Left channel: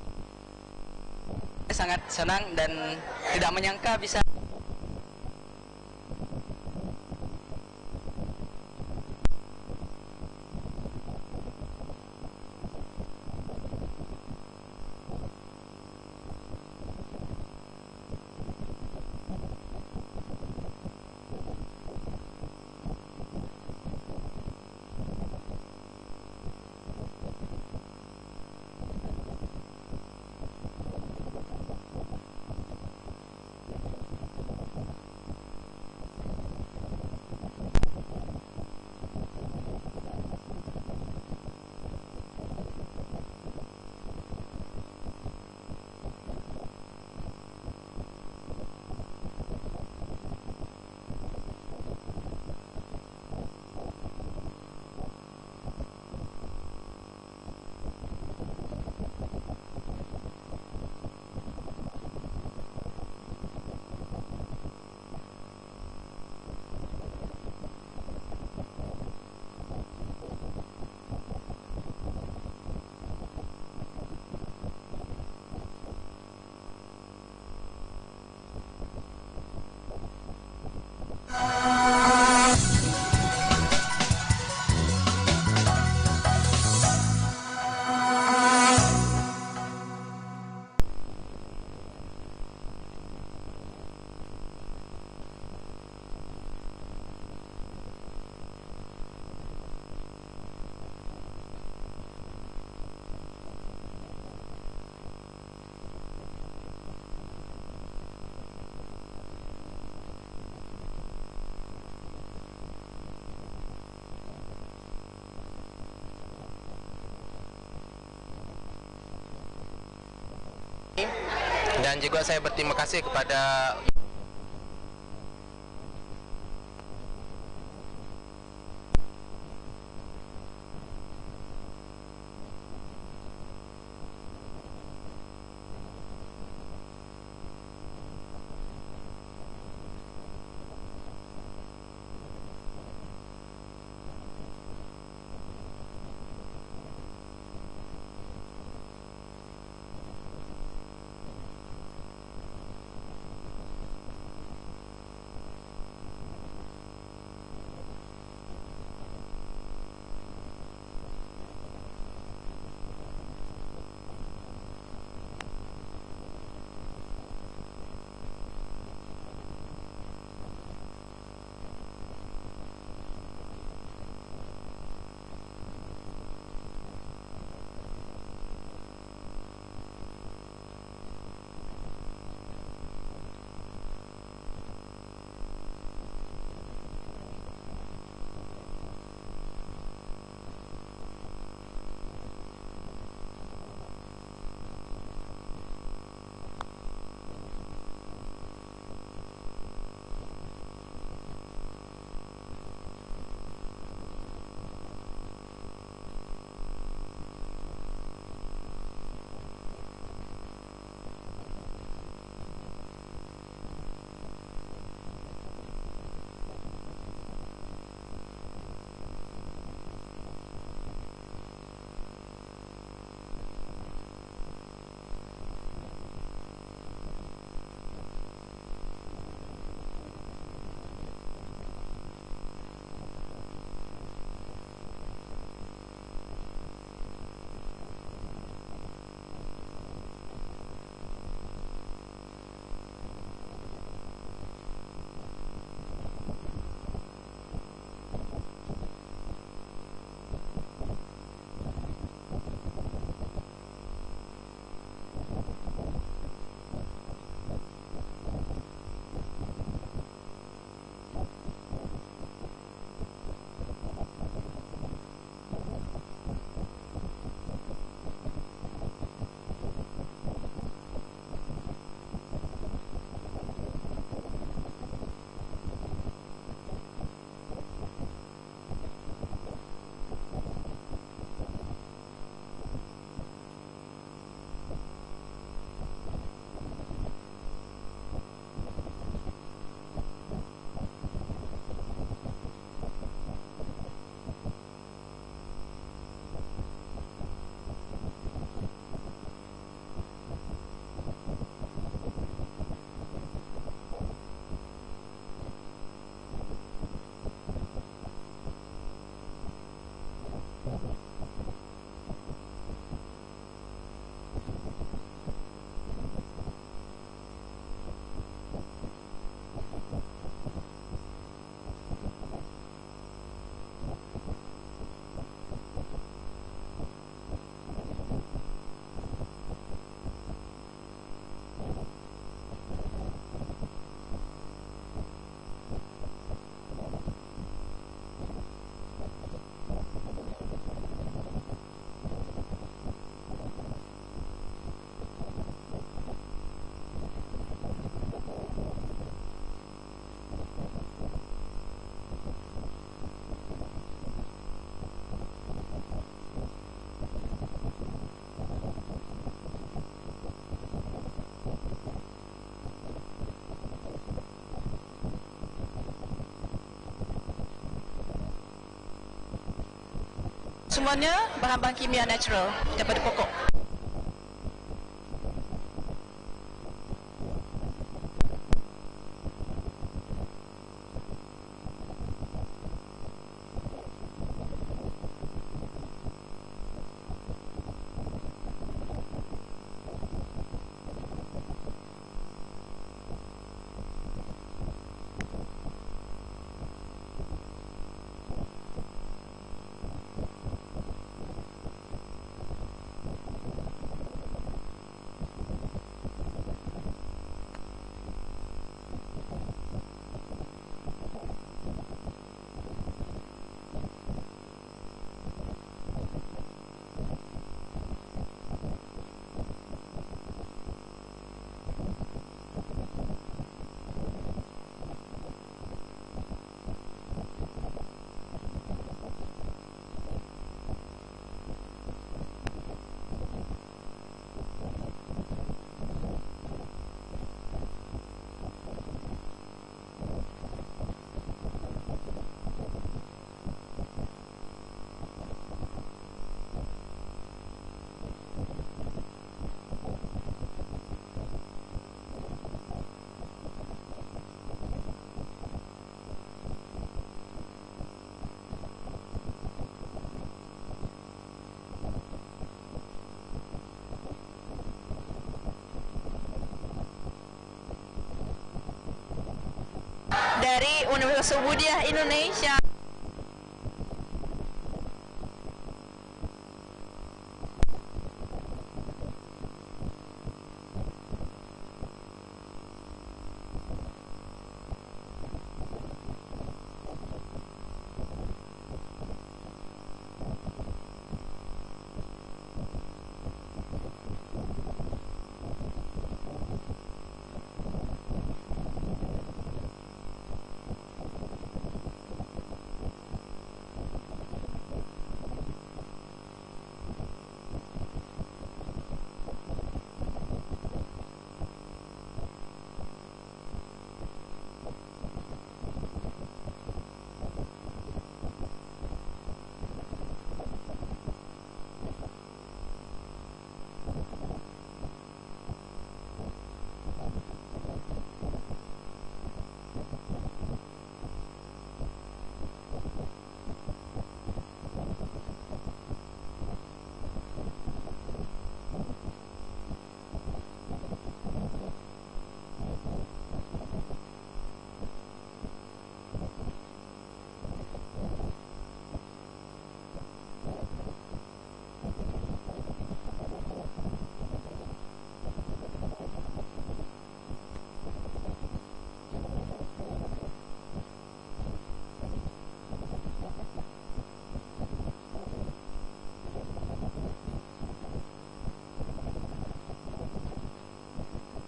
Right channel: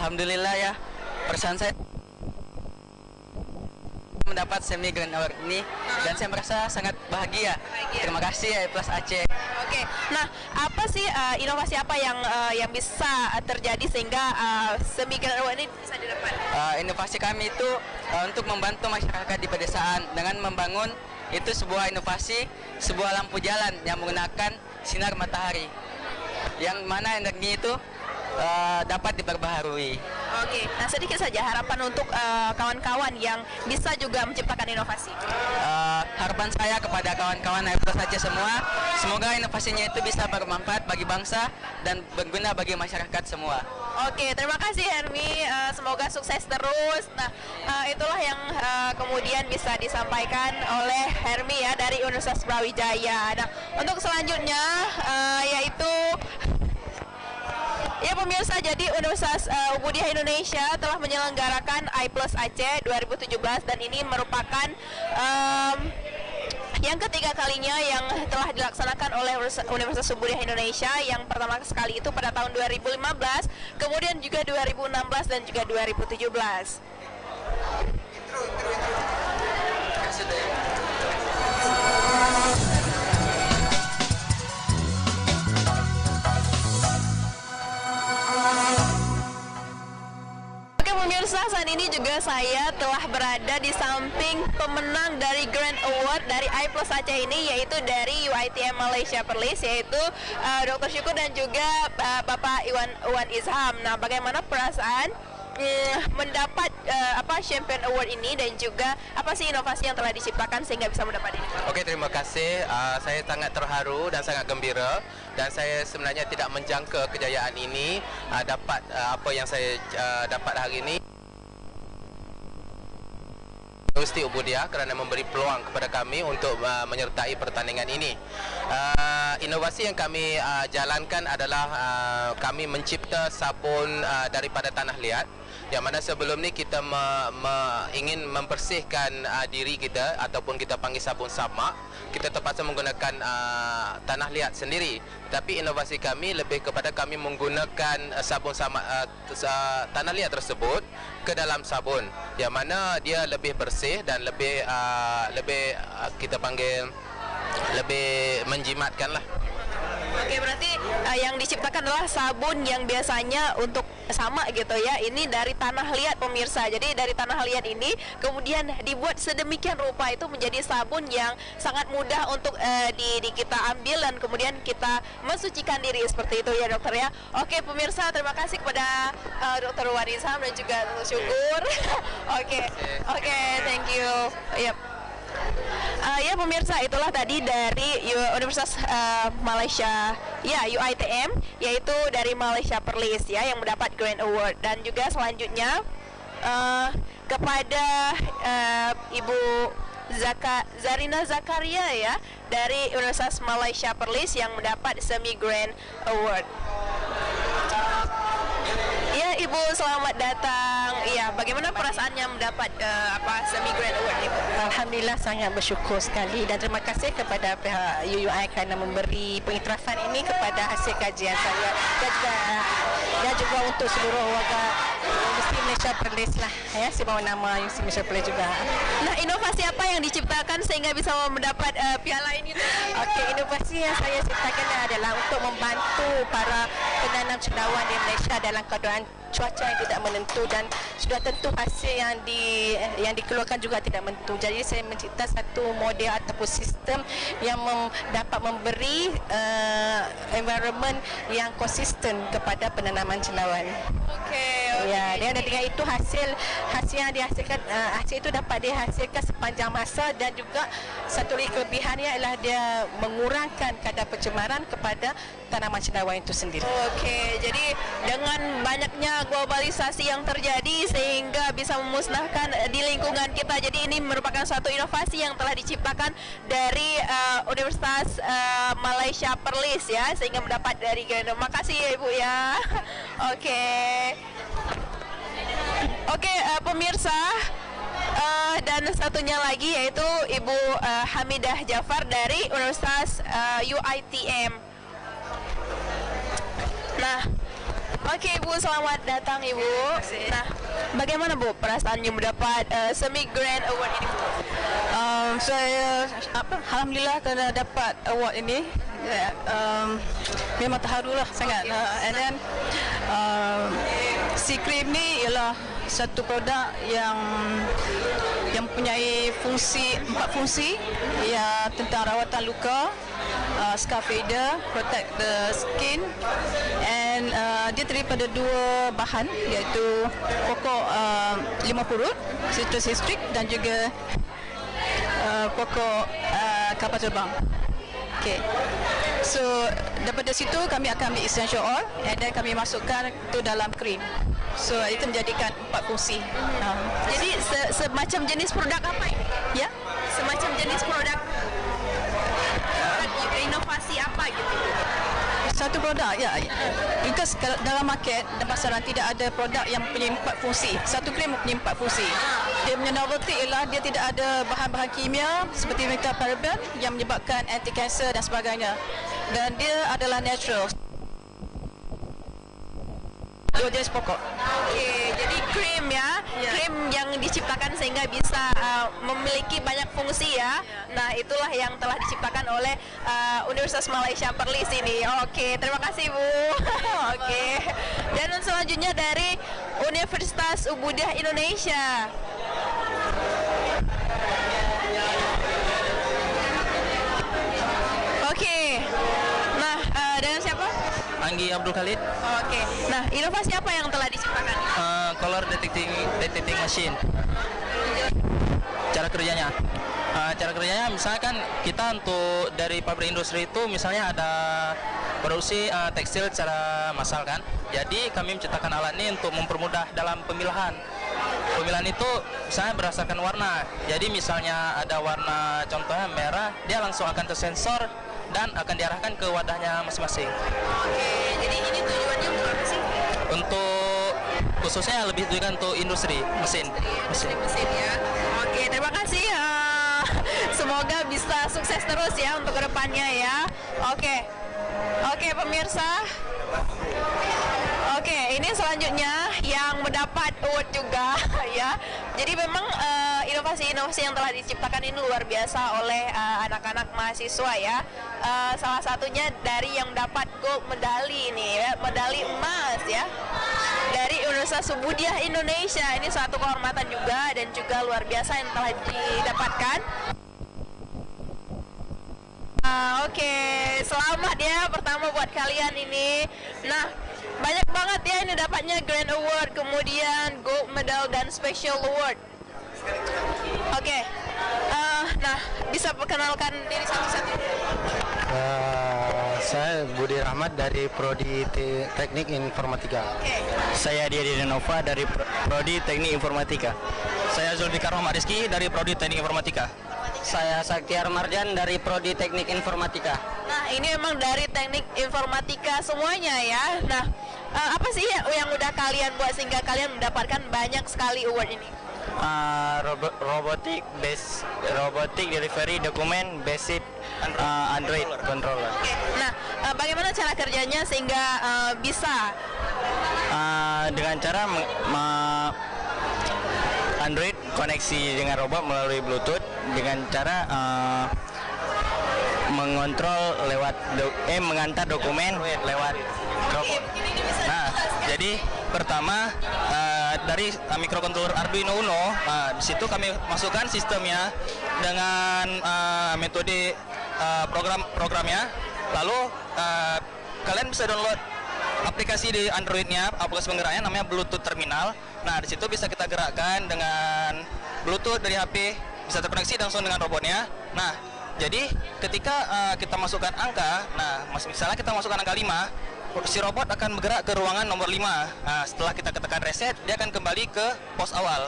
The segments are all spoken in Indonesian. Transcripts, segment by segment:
Alhamdulillah ya, perasaan saya sangat senang dan tidak menyangka bisa mendapat semi grand award ini, dan saya merasa sangat bahagia. Terima kasih ya Plus Aceh. Oke, nah apa sih inovasi apa yang bisa terjadi sehingga semi grand award ini bisa didapat? Inovasi kami itu untuk membantu masyarakat di pedesaan dengan membangun itu sebuah inovasi, sebuah lampu jalan yang menggunakan sinar matahari, yang mana energi itu dapat diperbaharui. Oke, nah sedikit saja harapan untuk kawan-kawan yang bisa juga menciptakan inovasi. Harapan saya kepada kawan-kawan Plus Aceh semua, semoga inovasinya itu bisa bermanfaat bagi bangsa dan berguna bagi masyarakat semua. Oke, terima kasih Hermi. Semoga sukses terus. Nah, itulah yang kemudian bisa disampaikan oleh Hermi ya dari Universitas Brawijaya. Nah, untuk selanjutnya yaitu ya pemirsa, jadi Universitas Muhammadiyah Indonesia telah menyelenggarakan iPlus Aceh 2017 dan ini merupakan yang ketiga kalinya yang telah dilaksanakan oleh Universitas Muhammadiyah Indonesia. Yang pertama sekali itu pada tahun 2015, kemudian juga 2016 dan juga 2017. Saat ini juga saya telah berada di samping pemenang dari Grand Award dari iPlus Aceh ini, yaitu dari UiTM Malaysia Perlis, yaitu Dr. Syukur dan juga Bapak Iwan Izham. Nah, bagaimana perasaan mendapat Champion Award ini dan juga apa sih inovasi yang telah diciptakan sehingga bisa mendapat ini? Oke, terima kasih. Saya sangat terharu dan sangat gembira, dan saya sebenarnya tidak menjangka kejayaan ini dapat apa yang saya dapat hari ini, dan juga saya berterima kasih kepada Universiti Ubudiyah kerana memberi peluang kepada kami untuk menyertai pertandingan ini. Inovasi yang kami jalankan adalah kami mencipta sabun daripada tanah liat, yang mana sebelum ni kita ingin membersihkan diri kita ataupun kita panggil sabun samak, kita terpaksa menggunakan tanah liat sendiri. Tapi inovasi kami lebih kepada kami menggunakan sabun samak tanah liat tersebut ke dalam sabun, yang mana dia lebih bersih dan lebih kita panggil lebih menjimatkan lah. Oke, berarti yang diciptakan adalah sabun yang biasanya untuk sama gitu ya. Ini dari tanah liat pemirsa. Jadi dari tanah liat ini kemudian dibuat sedemikian rupa itu menjadi sabun yang sangat mudah untuk kita ambil dan kemudian kita mensucikan diri seperti itu ya dokter ya. Oke pemirsa, terima kasih kepada Dr. Iwan Izham dan juga Dr. Syukur. Oke, thank you. Yep. Ya pemirsa, itulah tadi dari Universitas Malaysia ya UiTM, yaitu dari Malaysia Perlis ya yang mendapat Grand Award. Dan juga selanjutnya kepada Ibu Zarina Zakaria ya dari Universitas Malaysia Perlis yang mendapat Semi Grand Award. Ya Ibu, selamat datang. Iya, bagaimana perasaannya mendapat Semi Grand Award ini? Alhamdulillah sangat bersyukur sekali dan terima kasih kepada pihak UUI kerana memberi pengiktirafan ini kepada hasil kajian saya dan juga untuk seluruh warga Universiti Malaysia Perlis lah ya, saya bawa nama Universiti Malaysia Perlis juga. Nah, inovasi apa yang diciptakan sehingga bisa mendapat piala ini? Okey, inovasi yang saya ciptakan adalah untuk membantu para penanam cendawan di Malaysia dalam keadaan cuaca yang tidak menentu, dan sudah tentu hasil yang dikeluarkan juga tidak menentu. Jadi saya mencipta satu model ataupun sistem yang dapat memberi environment yang konsisten kepada penanaman cendawan. Ya, dan dengan itu hasil yang dihasilkan, hasil itu dapat dihasilkan sepanjang masa, dan juga satu lagi kelebihannya adalah dia mengurangkan kadar pencemaran kepada tanaman cendawan itu sendiri. Okey, jadi dengan banyaknya globalisasi yang terjadi sehingga bisa memusnahkan di lingkungan kita. Jadi ini merupakan suatu inovasi yang telah diciptakan dari Universitas Malaysia Perlis ya, sehingga mendapat dari Grand. Makasih ya Ibu ya. Oke, pemirsa, dan satunya lagi yaitu Ibu Hamidah Jafar dari Universitas UITM. Nah, oke Ibu, selamat datang Ibu. Nah, bagaimana Bu perasaannya mendapat Semi Grand Award ini? Saya alhamdulillah kerana dapat award ini. Memang terharu lah sangat. And then si krim ni ialah satu produk yang mempunyai empat fungsi, ya, tentang rawatan luka, scar fader, protect the skin, and dia terdiri pada dua bahan, iaitu pokok limau purut, citrus citric, dan juga pokok kapal terbang. Okay. So daripada situ kami akan ambil essential oil and then kami masukkan tu dalam krim. So itu menjadikan empat fungsi. Jadi semacam jenis produk apa ini? Ya, Semacam jenis produk inovasi apa gitu? satu produk, ya. Because dalam market dan pasaran tidak ada produk yang mempunyai empat fungsi. Satu krim mempunyai empat fungsi. Dia punya novelty ialah dia tidak ada bahan-bahan kimia seperti metaparaben yang menyebabkan anti-kanser dan sebagainya. Dan dia adalah natural. Semuanya bahan-bahan kimia natural daripada pokok. Dua jenis pokok. Okey, jadi krim ya, krim yang diciptakan sehingga bisa memiliki banyak fungsi ya. Nah, itulah yang telah diciptakan oleh Universitas Malaysia Perlis ini. Oke, terima kasih Bu. Oke. Dan selanjutnya dari Universitas Ubudiah Indonesia. Oke. Nah, dengan siapa? Anggi Abdul Khalid, Oke. Nah, inovasi apa yang telah diciptakan? color detecting machine. Cara kerjanya, misalkan kita untuk dari pabrik industri itu misalnya ada produksi tekstil secara massal kan. Jadi kami menciptakan alat ini untuk mempermudah dalam pemilahan. Pemilihan itu misalnya berdasarkan warna. Jadi misalnya ada warna contohnya merah, dia langsung akan tersensor dan akan diarahkan ke wadahnya masing-masing. Oke, jadi ini tujuannya untuk apa sih? Untuk khususnya lebih ditujukan untuk industri mesin. Mesin ya. Oke, terima kasih. Semoga bisa sukses terus ya untuk kedepannya ya. Oke, pemirsa. Oke, ini selanjutnya yang mendapat award juga ya. Jadi memang inovasi-inovasi yang telah diciptakan ini luar biasa oleh anak-anak mahasiswa ya. Salah satunya dari yang dapat gold medali ini ya, medali emas ya. Dari Universitas Ubudiah Indonesia, ini suatu kehormatan juga dan juga luar biasa yang telah didapatkan dari Universitas Ubudiah Indonesia. Oke, selamat ya pertama buat kalian ini. Nah, banyak banget ya ini dapatnya Grand Award, kemudian Gold Medal dan Special Award. Oke, nah bisa perkenalkan diri satu-satu. Saya Budi Rahmat dari Prodi Teknik Informatika. Oke. Saya Diadi Denova dari Prodi Teknik Informatika. Saya Zulfikar Rahmat Rizky dari Prodi Teknik Informatika. Saya Saktiar Marjan dari Prodi Teknik Informatika. Nah, ini memang dari Teknik Informatika semuanya ya. Nah, apa sih yang udah kalian buat sehingga kalian mendapatkan banyak sekali award ini? Robotic delivery dokumen basic Android controller. Oke. Nah, bagaimana cara kerjanya sehingga bisa? Dengan cara Android koneksi dengan robot melalui Bluetooth dengan cara mengontrol lewat mengantar dokumen lewat robot. Nah, jadi pertama dari microcontroller Arduino Uno, di situ kami masukkan sistemnya dengan metode programnya. Lalu kalian bisa download aplikasi di Androidnya, aplikasi penggeraknya namanya Bluetooth Terminal. Nah, di situ bisa kita gerakkan dengan Bluetooth dari HP, bisa terkoneksi langsung dengan robotnya. Nah, jadi ketika kita masukkan angka, nah misalnya kita masukkan angka 5, si robot akan bergerak ke ruangan nomor 5. Nah, setelah kita tekan reset, dia akan kembali ke pos awal.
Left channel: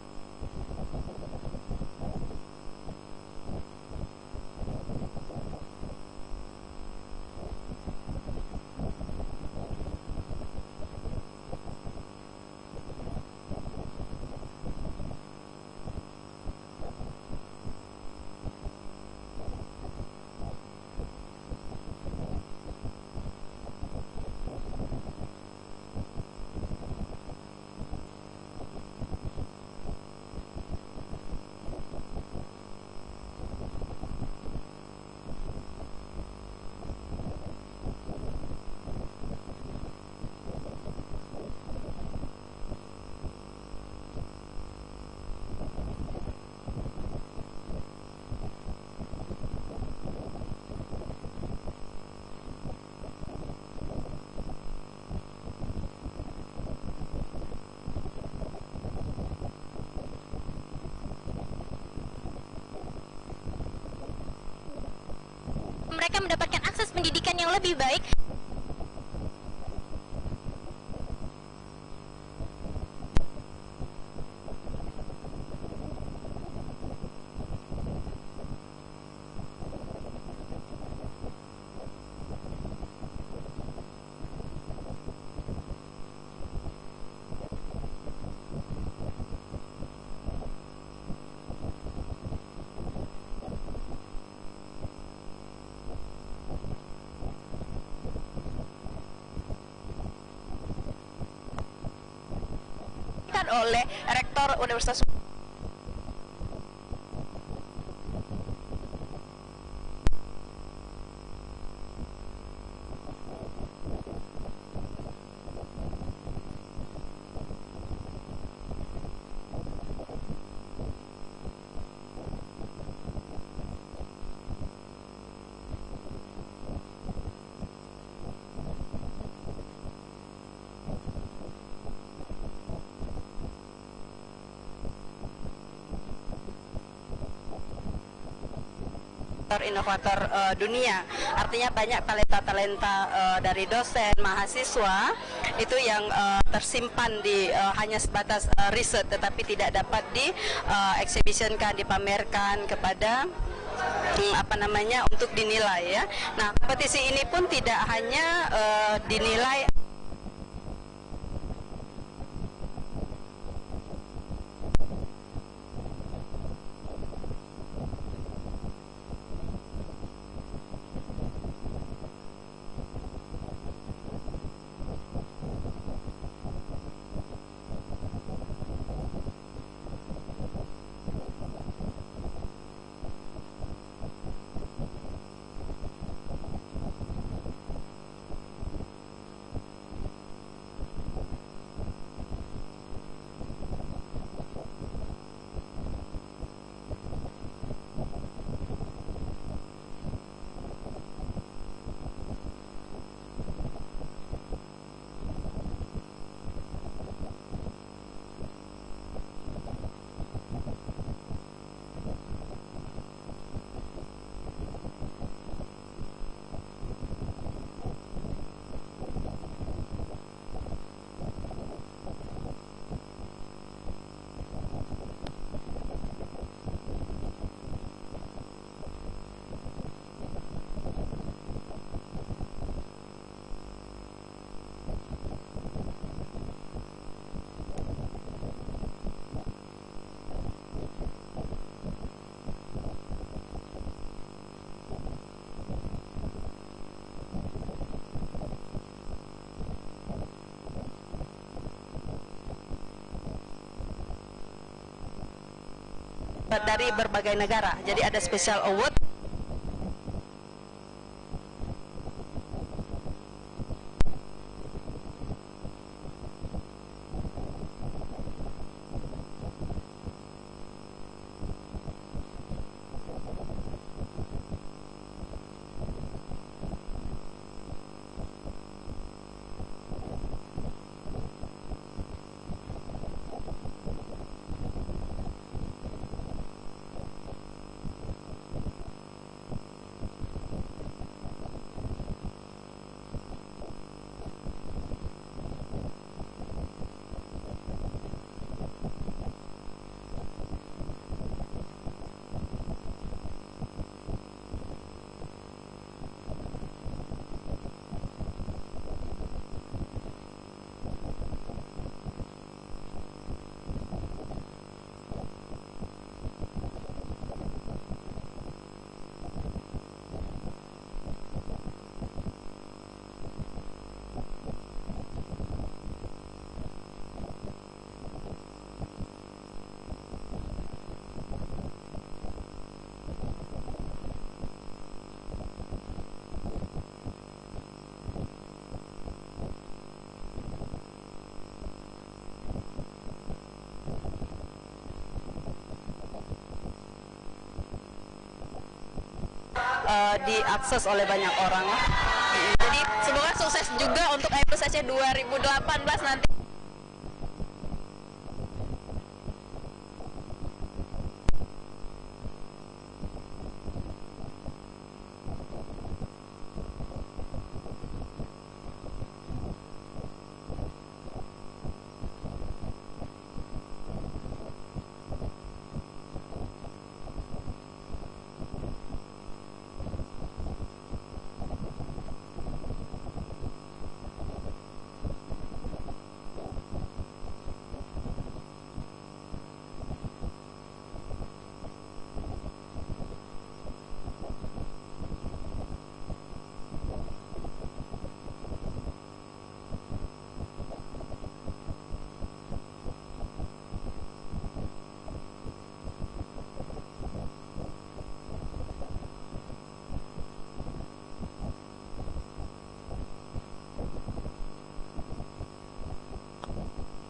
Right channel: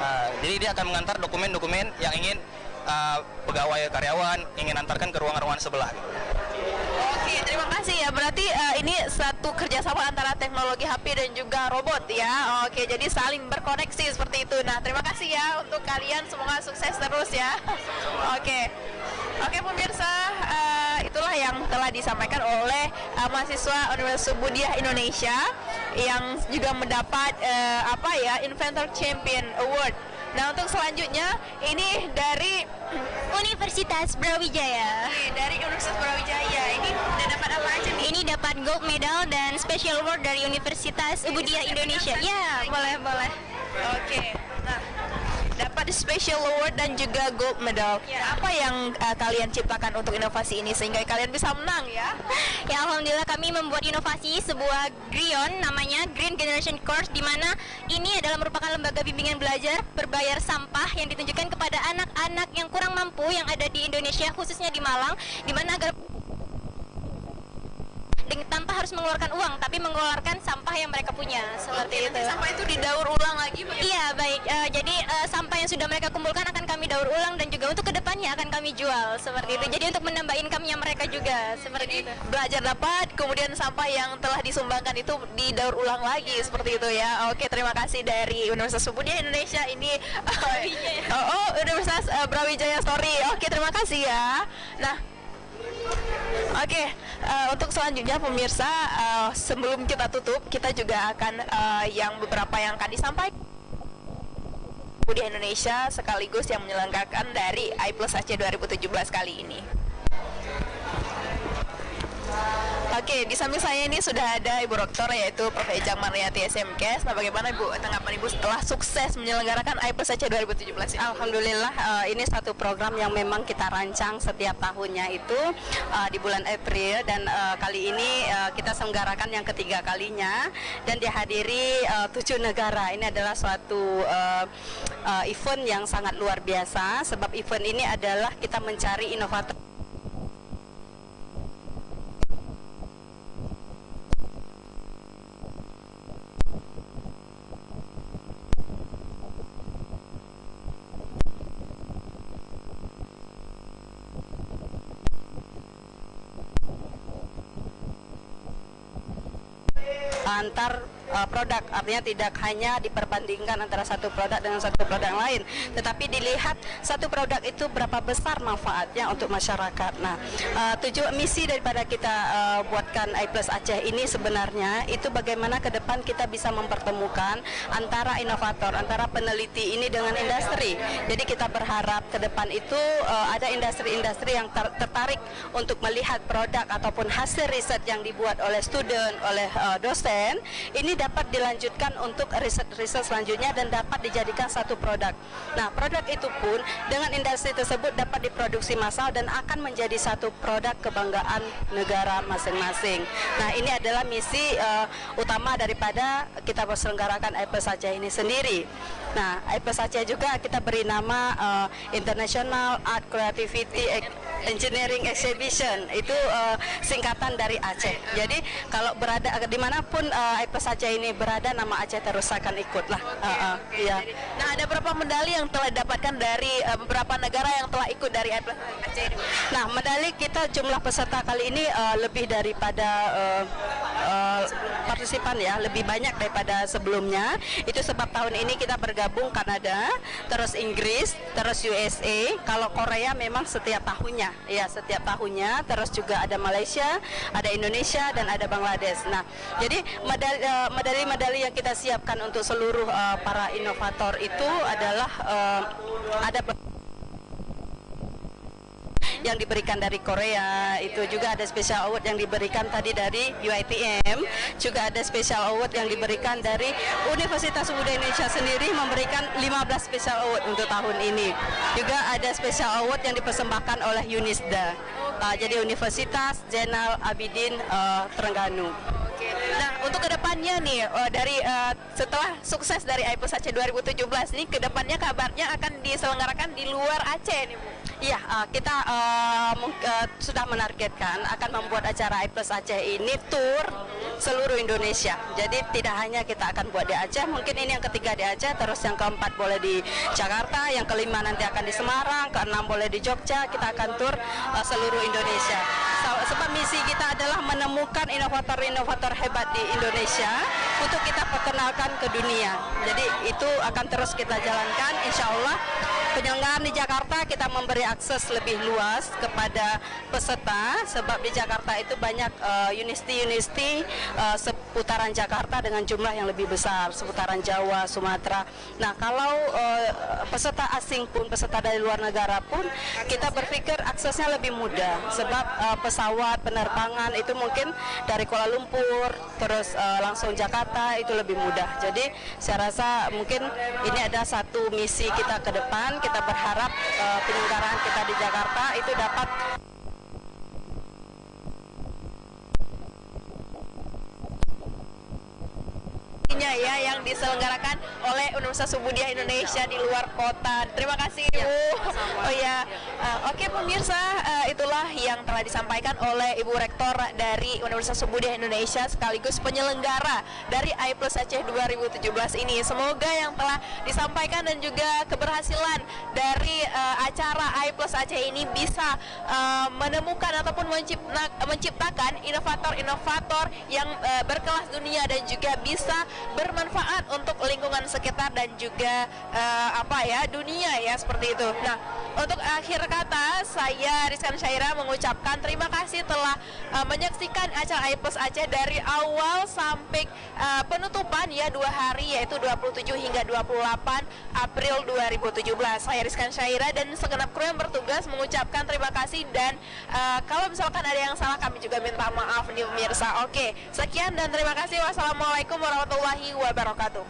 Nah, jadi dia akan mengantar dokumen-dokumen yang ingin pegawai karyawan ingin antarkan ke ruangan-ruangan sebelah. Oke, terima kasih ya. Berarti ini satu kerjasama antara teknologi HP dan juga robot ya. Oke, jadi saling berkoneksi seperti itu. Nah, terima kasih ya untuk kalian. Semoga terus ya. Oke. Oke pemirsa, itulah yang telah disampaikan oleh mahasiswa Universitas Budiah Indonesia yang juga mendapat Inventor Champion Award. Nah untuk selanjutnya ini dari Universitas Brawijaya. dari Universitas Brawijaya ini udah dapat apa aja nih? Ini dapat gold medal dan special award dari Universitas Budiah Indonesia. Ya, boleh. Oke. Nah, dapat special award dan juga gold medal. Apa yang kalian ciptakan untuk inovasi ini sehingga kalian bisa menang ya? Ya, alhamdulillah kami membuat inovasi sebuah GRION namanya Green Generation Course, di mana ini adalah merupakan lembaga bimbingan belajar berbayar sampah yang ditunjukkan kepada anak-anak yang kurang mampu yang ada di Indonesia, khususnya di Malang, di mana agar mereka mendapatkan akses pendidikan yang lebih baik dengan tanpa harus mengeluarkan uang, tapi mengeluarkan sampah yang mereka punya. Seperti itu. Sampah itu didaur ulang lagi? Iya, baik. Jadi sampah yang sudah mereka kumpulkan akan kami daur ulang dan juga untuk kedepannya akan kami jual seperti itu. Jadi untuk menambah income-nya mereka juga seperti itu. Belajar dapat, kemudian sampah yang telah disumbangkan itu didaur ulang lagi seperti itu ya. Oke, terima kasih dari Universitas Budiah Indonesia ini. Universitas Brawijaya, sorry. Oke, terima kasih ya. Nah, oke, untuk selanjutnya pemirsa, sebelum kita tutup, kita juga akan beberapa yang akan disampaikan oleh Rektor Universitas Budiah Indonesia sekaligus yang menyelenggarakan dari I+AC 2017 kali ini. Oke, di samping saya ini sudah ada Ibu Rektor yaitu Prof. Ejang Mariyati SMKes. Nah, bagaimana Ibu tanggapan Ibu setelah sukses menyelenggarakan I+AC 2017 ini? Alhamdulillah, ini satu program yang memang kita rancang setiap tahunnya itu di bulan April, dan kali ini kita selenggarakan yang ketiga kalinya dan dihadiri 7 negara. Ini adalah suatu event yang sangat luar biasa, sebab event ini adalah kita mencari inovator-inovator dunia. Artinya banyak talenta-talenta dari dosen, mahasiswa itu yang tersimpan di hanya sebatas riset, tetapi tidak dapat di exhibitionkan, dipamerkan kepada untuk dinilai ya. Nah, kompetisi ini pun tidak hanya dinilai antar produk, artinya tidak hanya diperbandingkan antara satu produk dengan satu produk lain, tetapi dilihat satu produk itu berapa besar manfaatnya untuk masyarakat. Nah, tujuan misi daripada kita buatkan I+AC ini sebenarnya itu bagaimana ke depan kita bisa mempertemukan antara inovator, antara peneliti ini dengan industri. Jadi kita berharap ke depan itu ada industri-industri yang tertarik untuk melihat produk ataupun hasil riset yang dibuat oleh student, oleh dosen, ini dapat dilanjutkan untuk riset-riset selanjutnya dan dapat dijadikan satu produk. Nah, produk itu pun dengan industri tersebut dapat diproduksi massal dan akan menjadi satu produk kebanggaan negara masing-masing. Nah, ini adalah misi utama daripada kita berselenggarakan I+AC ini sendiri. Nah, I+AC juga kita beri nama International Art Creativity Engineering Exhibition, itu singkatan dari Aceh. Jadi kalau berada dimanapun I+AC ini berada, nama Aceh terus akan ikut lah. Iya. Nah, ada berapa medali yang telah didapatkan dari beberapa negara yang telah ikut dari I+AC ini? Nah, medali kita jumlah peserta kali ini lebih daripada partisipan ya, lebih banyak daripada sebelumnya. Itu sebab tahun ini kita bergabung Kanada, terus Inggris, terus USA. Kalau Korea memang setiap tahunnya, ya setiap tahunnya. Terus juga ada Malaysia, ada Indonesia, dan ada Bangladesh. Nah, jadi medali-medali yang kita siapkan untuk seluruh para inovator itu adalah ada dari berbagai negara. Jadi ada special award yang diberikan dari Korea, itu juga ada special award yang diberikan tadi dari UiTM, juga ada special award yang diberikan dari Universitas Budiah Indonesia sendiri, memberikan 15 special award untuk tahun ini. Juga ada special award yang dipersembahkan oleh UNISDA, jadi Universitas Zainal Abidin Terengganu. Nah, untuk kedepannya nih, dari setelah sukses dari I+AC 2017 ini, kedepannya kabarnya akan diselenggarakan di luar Aceh nih, Bu. Iya, kita sudah menargetkan akan membuat acara I+AC ini tour seluruh Indonesia. Jadi tidak hanya kita akan buat di Aceh, mungkin ini yang ketiga di Aceh, terus yang keempat boleh di Jakarta, yang kelima nanti akan di Semarang, keenam boleh di Jogja. Kita akan tur seluruh Indonesia. Sebab misi kita adalah menemukan inovator-inovator hebat di Indonesia untuk kita perkenalkan ke dunia. Jadi itu akan terus kita jalankan, insya Allah. Penyelenggaraan di Jakarta Kenapa kita memberi akses lebih luas kepada peserta? Sebab di Jakarta itu banyak universiti seputaran Jakarta dengan jumlah yang lebih besar, seputaran Jawa, Sumatera. Nah, kalau peserta asing pun, peserta dari luar negara pun, kita berpikir aksesnya lebih mudah. Sebab pesawat penerbangan itu mungkin dari Kuala Lumpur terus langsung Jakarta itu lebih mudah. Jadi saya rasa mungkin ini ada satu misi kita ke depan. Kita berharap penyelenggaraan kita di Jakarta itu dapat diakses oleh banyak orang. Jadi semoga sukses juga untuk IPLUS Aceh 2018 nantinya ya, yang diselenggarakan oleh Universitas Subudiyah Indonesia di luar kota. Terima kasih Ibu. Oh ya, oke pemirsa, itulah yang telah disampaikan oleh Ibu Rektor dari Universitas Subudiyah Indonesia sekaligus penyelenggara dari IPLUS Aceh 2017 ini. Semoga yang telah disampaikan dan juga keberhasilan dari acara IPLUS Aceh ini bisa menemukan ataupun menciptakan inovator-inovator yang berkelas dunia dan juga bisa bermanfaat untuk lingkungan sekitar dan juga dunia ya, seperti itu. Nah, untuk akhir kata saya Rizkan Syaira mengucapkan terima kasih telah menyaksikan acara IPLUS Aceh dari awal sampai penutupan ya 2 hari, yaitu 27 hingga 28 April 2017. Saya Rizkan Syaira dan segenap kru yang bertugas mengucapkan terima kasih, dan kalau misalkan ada yang salah kami juga minta maaf nih pemirsa. Oke, sekian dan terima kasih. Wassalamualaikum warahmatullahi wabarakatuh.